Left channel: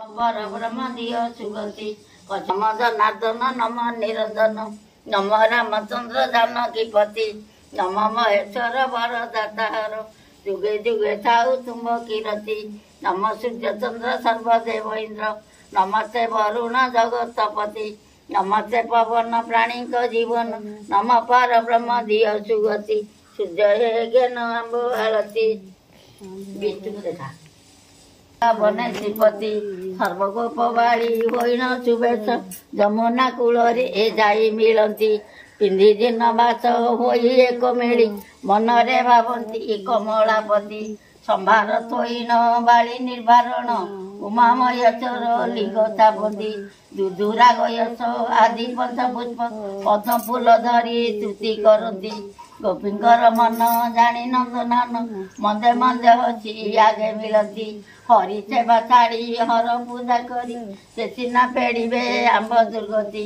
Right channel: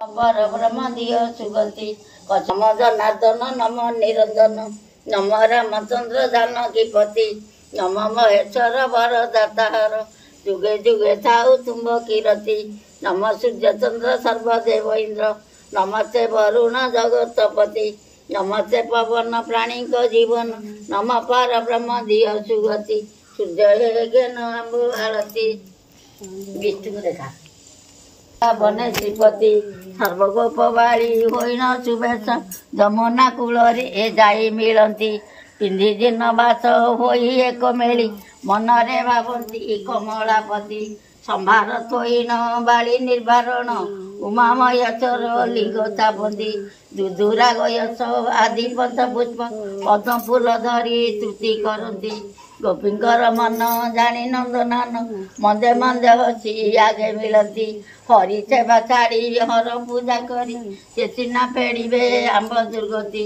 पर ब्रह्म दिय सुगति नम जनार्दन नम निरंजन नम रामचंद्र जानकीपति नम महेश्वर वर दातार जुगे जुगे थाउ तुम्ब कीरति नम सूर्य चंद्र सर्वदेव इंद्र नमस्ते वरुण जगतपति नमस्ते पवन प्राणी जीवन नम पर ब्रह्म दिय सुगति सूर्य हे ज्ञान अम्बु आरती विष्णु देखा बने श्रीपति सर्वगोपवाणी होइन शुभेच्छा जमुना कूल जाई मिलती पिंधि दिन बास हो एक मेली मनरे भावती कमलापति संभार थोइन बाली निर्वारण उमामय चर लिंगता बंदी दुदुरा गयस आदि पंचपुष्प पद्म फूल धरी स्तुति करती गोपींकर मन जानी नंदनान मंदे मंदे हसी आगे मिलती हरि सेवा छाड़ी हर पूजा करी से चिन्ह पेड़े आंब दुर्गति।